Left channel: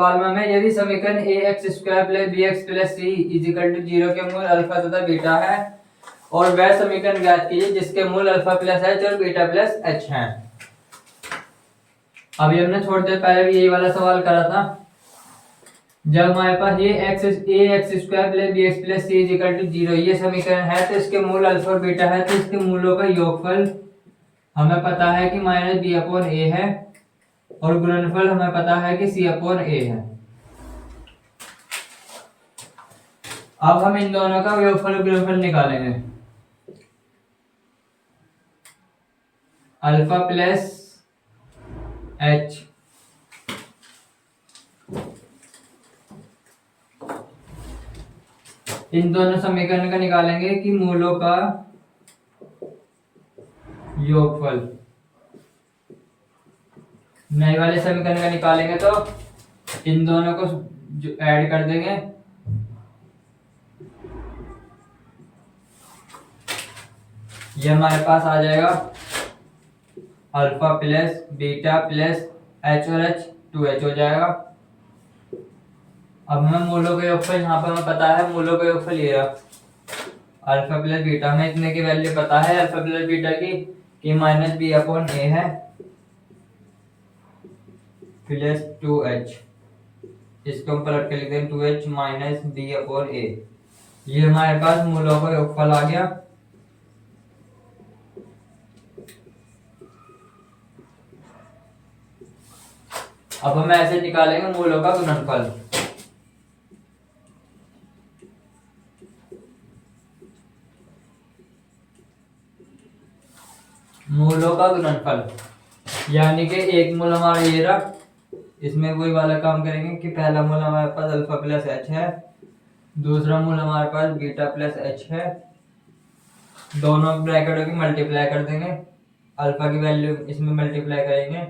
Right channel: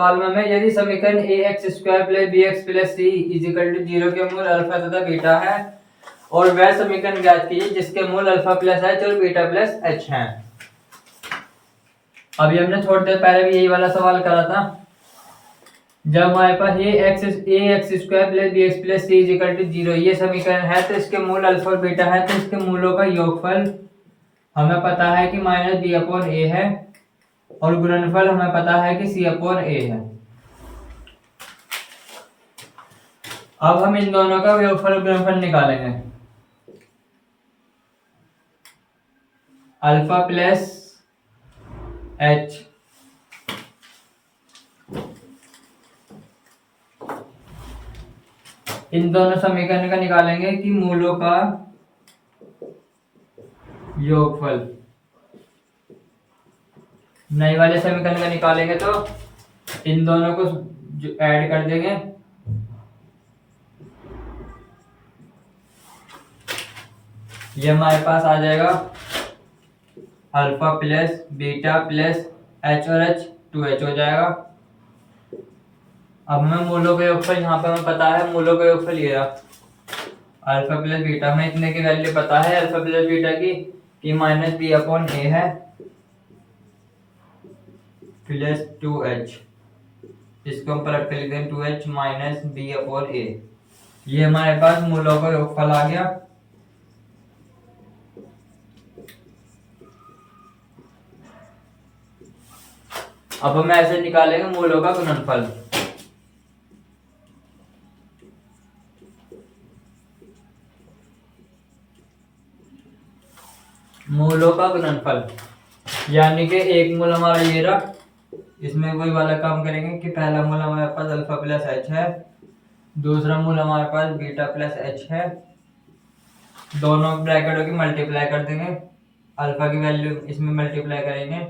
सवाल में हमें यदि समीकरण a x square plus b x plus c equal to 0 के मूल अल्फा तथा बीटा है और वह समीकरण ज्ञात कीजिए जिसके मूल अल्फा प्लस एच और बीटा प्लस एच है। अभी हमने थोड़ी देर पहले भी यही वाला सवाल करा था। जब हमारे पास ये x square plus b x plus c equal to 0 ये समीकरण है तो इसके मूल अल्फा और बीटा है तो इसके मूलों का योगफल हमें पता है कि माइनस बी अपॉन ए है और गुणनफल हमें पता है कि सी अपॉन ए है। अब हम इन दोनों का योगफल और गुणनफल निकालेंगे। अल्फा प्लस एच इन दोनों समीकरण का निकालेंगे कि मूलों का योगफल। नए वाले समीकरण का निकालेंगे तो इन दोनों को ऐड कर देंगे। ये हमारे पास आ जाएगा alpha plus beta plus H और एच 2h हो जाएगा। अब हमें मूलों का योगफल यहाँ पर हमें पता है, मूलों का योगफल ये रहा अल्फा प्लस बीटा में इतने की वैल्यू पता है अल्फा प्लस बीटा की कि माइनस बी अपॉन ए है प्लस 2h। इसको हम पलट कर लिखते हैं 2h माइनस बी अपॉन ए। ये हमारे पास मूलों का योगफल आ गया। अब हम ऐसे निकालेंगे मूलों का गुणनफल। मूलों का गुणनफल यानी कि एक मूल हमारा ये रहा, इसमें वही वाला काम करेंगे कि पहला मूल हमारे पास अल्फा प्लस एच है, दूसरा मूल हमारे पास बीटा प्लस एच है। दोनों ब्रैकेटों की मल्टीप्लाई कर देंगे, अल्फा की वैल्यू इसमें मल्टीप्लाई करेंगे,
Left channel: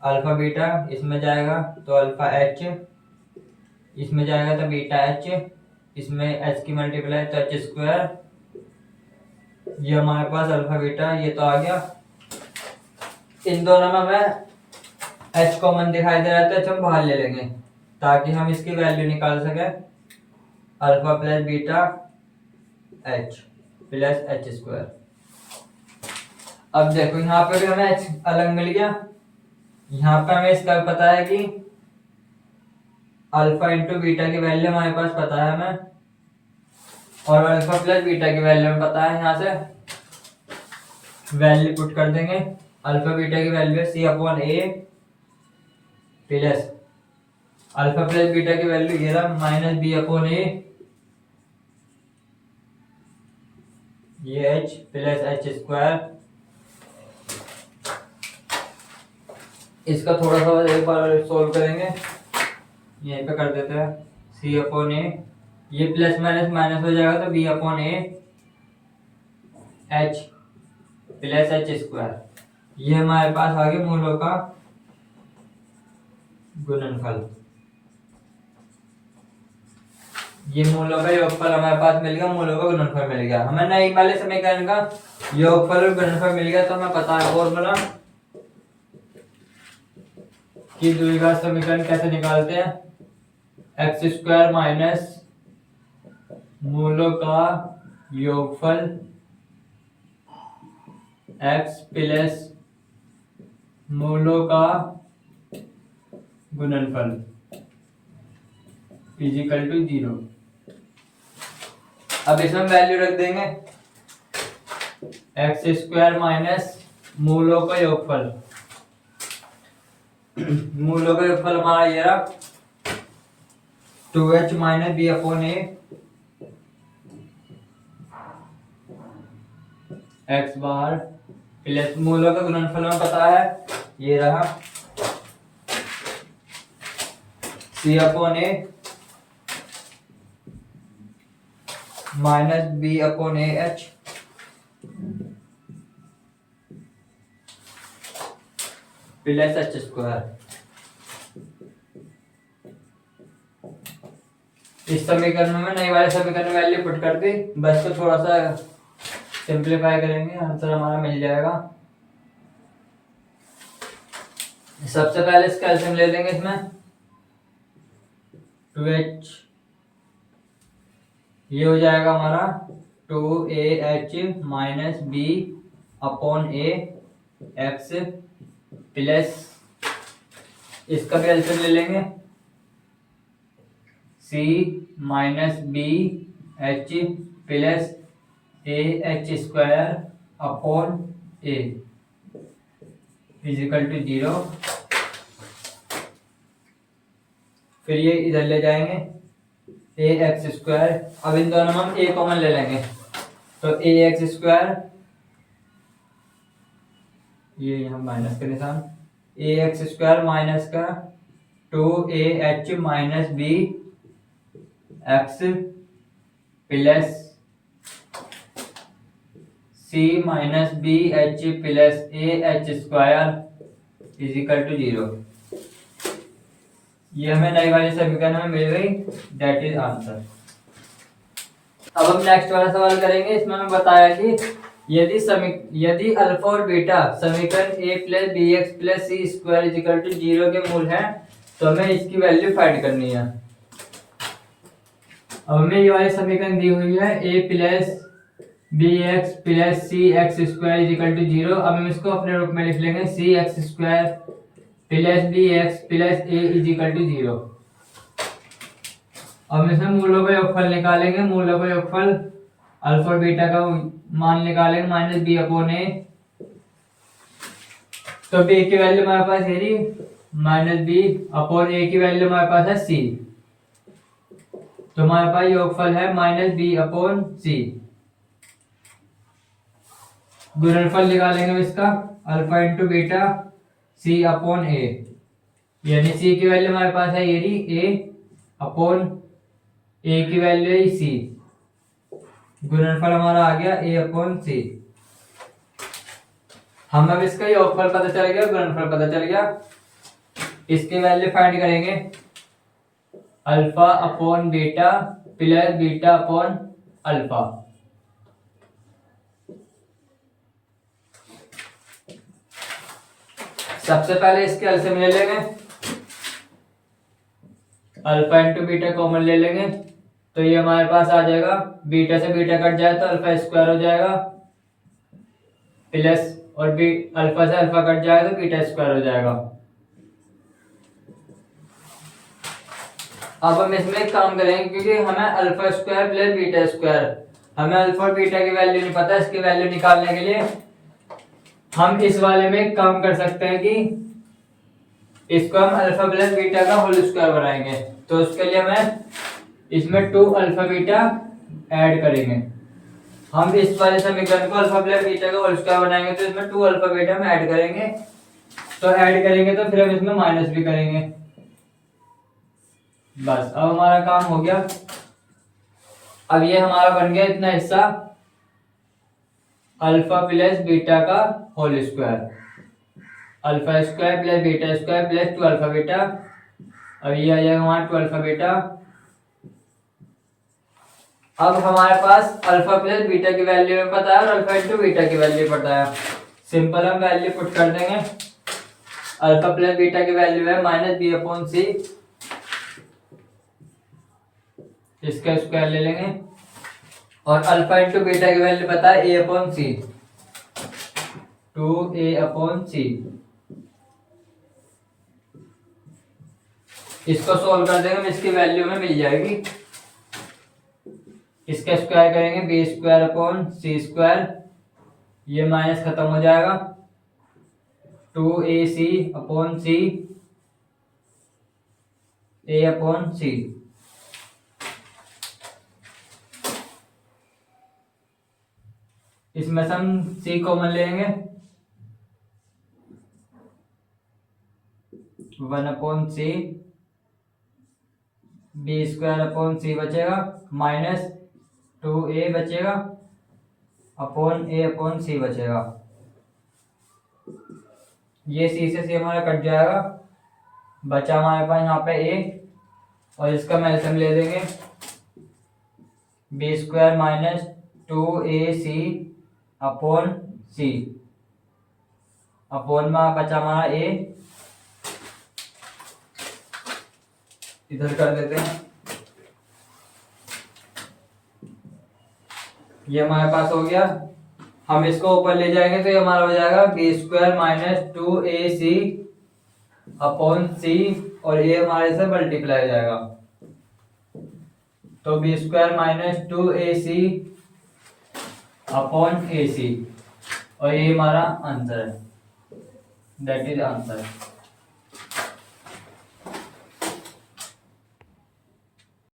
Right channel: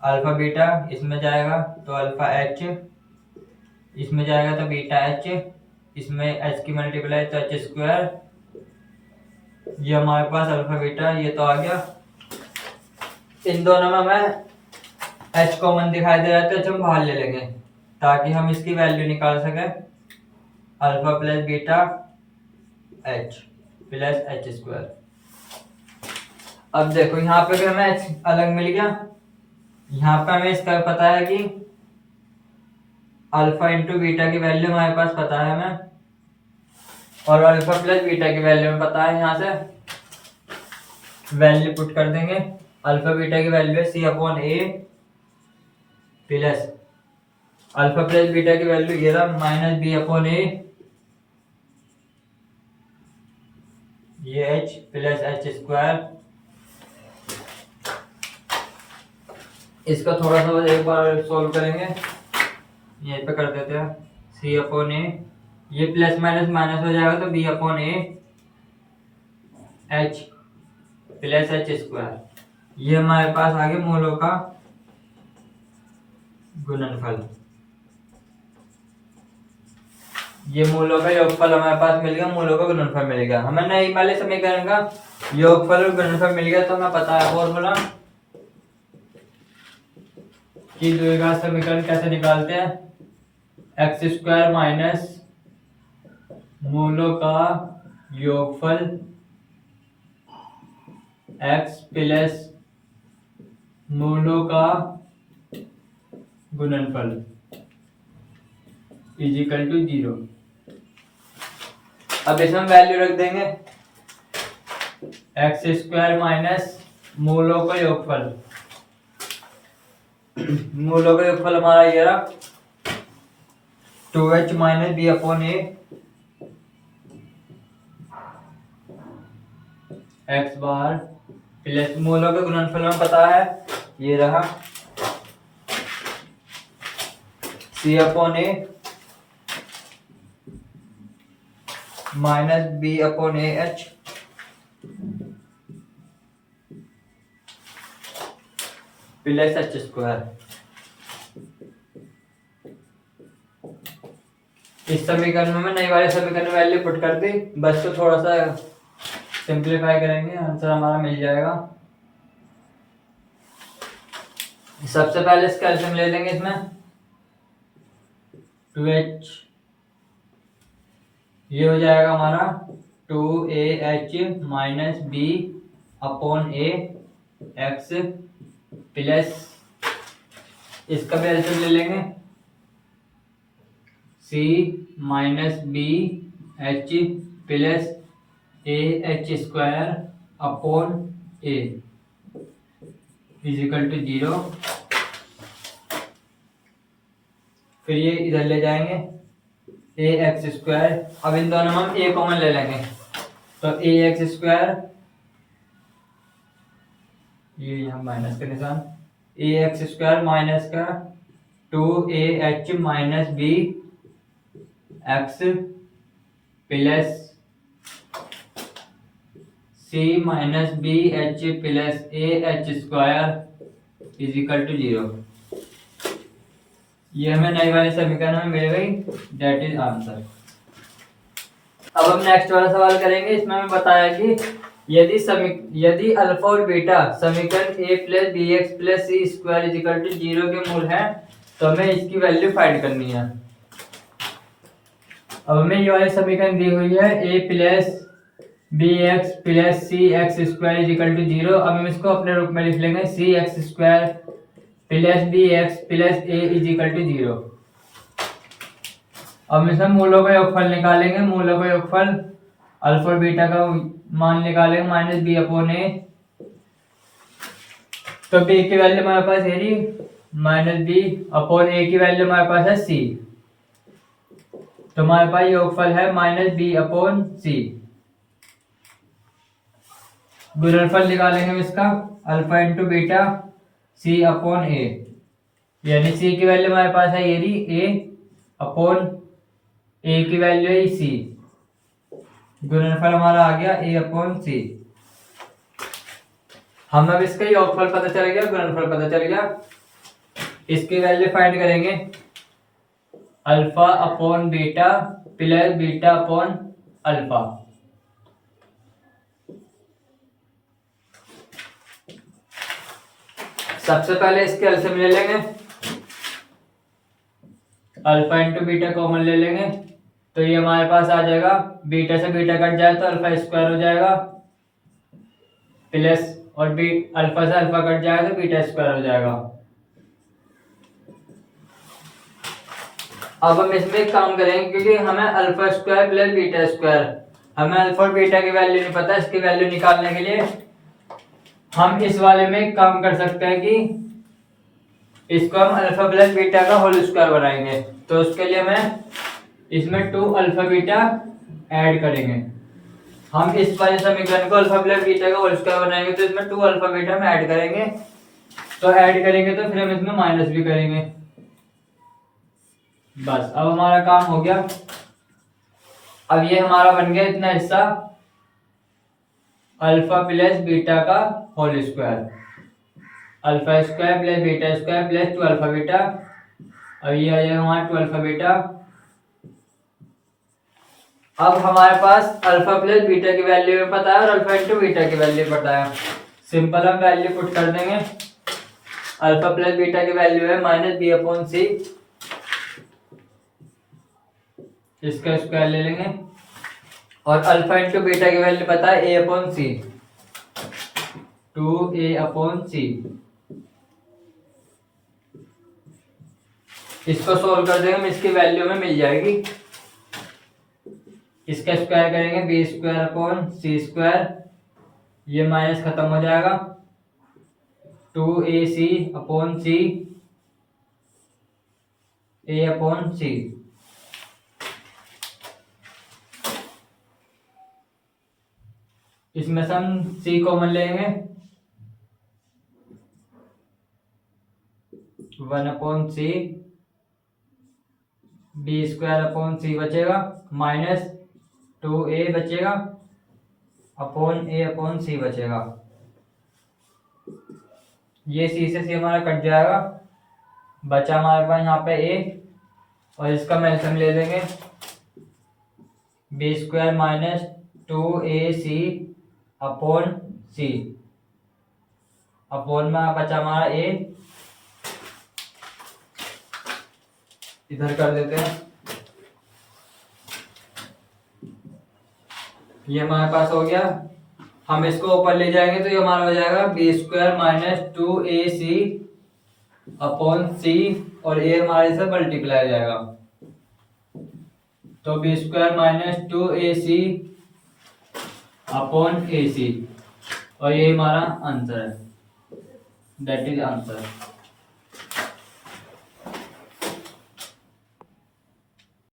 अल्फा बीटा इसमें जाएगा तो अल्फा एच, इसमें जाएगा तो बीटा एच, इसमें एच की मल्टीप्लाई तो एच स्क्वायर। ये हमारे पास अल्फा बीटा ये तो आ गया। इन दोनों में हमें एच कॉमन दिखाई दे रहा है तो एच हम बाहर ले लेंगे ताकि हम इसकी वैल्यू निकाल सकें। Alpha plus beta H plus h square. अब देखो यहाँ पे भी हमें एच अलग मिल गया। यहाँ पे हमें इसका पता है कि अल्फा इंटू बीटा की वैल्यू हमारे पास पता है हमें और अल्फा प्लस बीटा की वैल्यू हमें पता है। यहाँ से वैल्यू पुट कर देंगे। अल्फा बीटा की वैल्यू है सी अपॉन ए प्लस अल्फा प्लस बीटा की वैल्यू ये रहा माइनस बी अपॉन ए ये एच प्लस एच स्क्वायर। इसका थोड़ा सा एक बार सॉल्व करेंगे, यहीं पे कर देते हैं सी अपॉन ए, ये प्लस माइनस माइनस हो जाएगा तो b upon a h plus h square. ये हमारे पास आ गया मूलों का गुणनफल। ये मूलों का योगफल हमारे पास मिल गया, मूलों का गुणनफल मिल गया। हमें नए वाले समीकरण का योगफल और गुणनफल मिल गया तो हमें पता है फॉर्मूला कि द्विघात समीकरण कैसे निकालते हैं। एक्स स्क्वायर माइनस मूलों का योगफल एक्स प्लस मूलों का गुणनफल इजिकल टू 0। अब इसमें वैल्यू रख देंगे एक्स स्क्वायर माइनस मूलों का योगफल। मूलों का योगफल हमारा ये रहा 2h minus b upon a x bar plus मूलों का गुणनफल में पता है ये रहा c upon a minus b upon a h plus h square. इस समीकरण में नई वाले समीकरण में वैल्यू पुट कर दी, बस तो थोड़ा सा सिंप्लीफाई करेंगे, आंसर हमारा मिल जाएगा। सबसे पहले इसका एलसीएम ले लेंगे इसमें 2h, ये हो जाएगा हमारा 2AH minus b upon a x plus, इसका भी एलसीएम ले लेंगे, c minus b h plus a h square upon a equal to 0। फिर ये इधर ले जाएंगे ए एक्स स्क्वायर, अब इन दोनों में हम ए कॉमन ले लेंगे, तो ए एक्स स्क्वायर, ये यहाँ माइनस का निशान, ए एक्स स्क्वायर माइनस का 2AH minus b x plus c minus b h plus a h square equal to 0। ये हमें नई वाले समीकरण में मिल गई, दैट इज आंसर। अब हम नेक्स्ट वाला सवाल करेंगे। इसमें हमें बताया कि यदि अल्फा और बीटा समीकरण a plus b x plus c square equal to 0 के मूल हैं, तो हमें इसकी वैल्यू फाइंड करनी है। अब हमें ये वाली समीकरण दी हुई है a plus b x plus c x square equal to 0। अब हम इसको अपने रूप में लिख लेंगे c x square plus b x plus a equal to 0। अब हम इसमें मूलों का योगफल निकालेंगे। मूलों का योगफल अल्फा और बीटा का मान निकालेंगे माइनस बी अपॉन ए, तो बी की वैल्यू हमारे पास है जी माइनस बी अपॉन ए की वैल्यू हमारे पास है सी, तो हमारे पास योगफल है माइनस बी अपॉन सी। गुणनफल निकालेंगे इसका अल्फा इंटू बीटा सी अपॉन ए, यानी सी की वैल्यू हमारे पास है ए अपॉन ए की वैल्यू है सी, गुणनफल हमारा आ गया ए अपॉन सी। हम अब इसका योगफल पता चल गया, गुणनफल पता चल गया, इसकी वैल्यू फाइंड करेंगे alpha upon beta plus beta upon alpha. सबसे पहले इसके एलसीएम ले लेंगे, अल्फा इंटू बीटा कॉमन ले लेंगे, तो ये हमारे पास आ जाएगा, बीटा से बीटा कट जाए तो अल्फा स्क्वायर हो जाएगा प्लस, और अल्फा से अल्फा कट जाए तो बीटा स्क्वायर हो जाएगा। अब हम इसमें एक काम करेंगे, क्योंकि हमें alpha square plus beta square, हमें अल्फा और बीटा की वैल्यू नहीं पता, इसकी वैल्यू निकालने के लिए हम इस वाले में एक काम कर सकते हैं कि इसको हम अल्फा प्लस बीटा का होल स्क्वायर बनाएंगे। तो उसके लिए हमें इसमें 2 अल्फा बीटा ऐड करेंगे। हम इस वाले समीकरण को अल्फा प्लस बीटा का होल स्क्वायर बनाएंगे, तो इसमें 2 अल्फा बीटा हम ऐड करेंगे, तो ऐड करेंगे तो फिर हम इसमें माइनस भी करेंगे। बस अब हमारा काम हो गया। अब ये हमारा बन गया इतना हिस्सा अल्फा प्लस बीटा का whole square, alpha square plus beta square plus 2 alpha beta. अब ये आ जाएगा हमारा 2 अल्फा बीटा। अब हमारे पास अल्फा प्लस बीटा की वैल्यू में पता है और अल्फा इंटू बीटा की वैल्यू पता है, सिंपल हम वैल्यू पुट कर देंगे। अल्फा प्लस बीटा की वैल्यू है माइनस बी अपॉन सी, इसका स्क्वायर ले लेंगे, और अल्फा इंटू बीटा की वैल्यू पता है ए अपॉन सी, 2a अपॉन सी। इसको सोल्व कर देंगे, इसकी वैल्यू में मिल जाएगी। इसका स्क्वायर करेंगे b square upon c square, ये माइनस खत्म हो जाएगा, 2ac upon c a upon c. इसमें से हम c कॉमन लेंगे, 1 upon c, b square upon c बचेगा, माइनस 2a बचेगा अपॉन a अपॉन सी बचेगा। ये c से c हमारा कट जाएगा, बचा हमारे पास यहाँ पे a, और इसका हम एलसीएम ले देंगे, b square minus 2ac upon c, upon में बचा हमारा a, इधर कर देते हैं। ये हमारे पास हो गया। हम इसको ऊपर ले जाएंगे तो ये हमारा हो जाएगा b² minus 2ac upon c, और ये हमारे से मल्टीप्लाई जाएगा, तो b² minus 2ac upon ac, और ये हमारा आंसर है, दैट इज आंसर।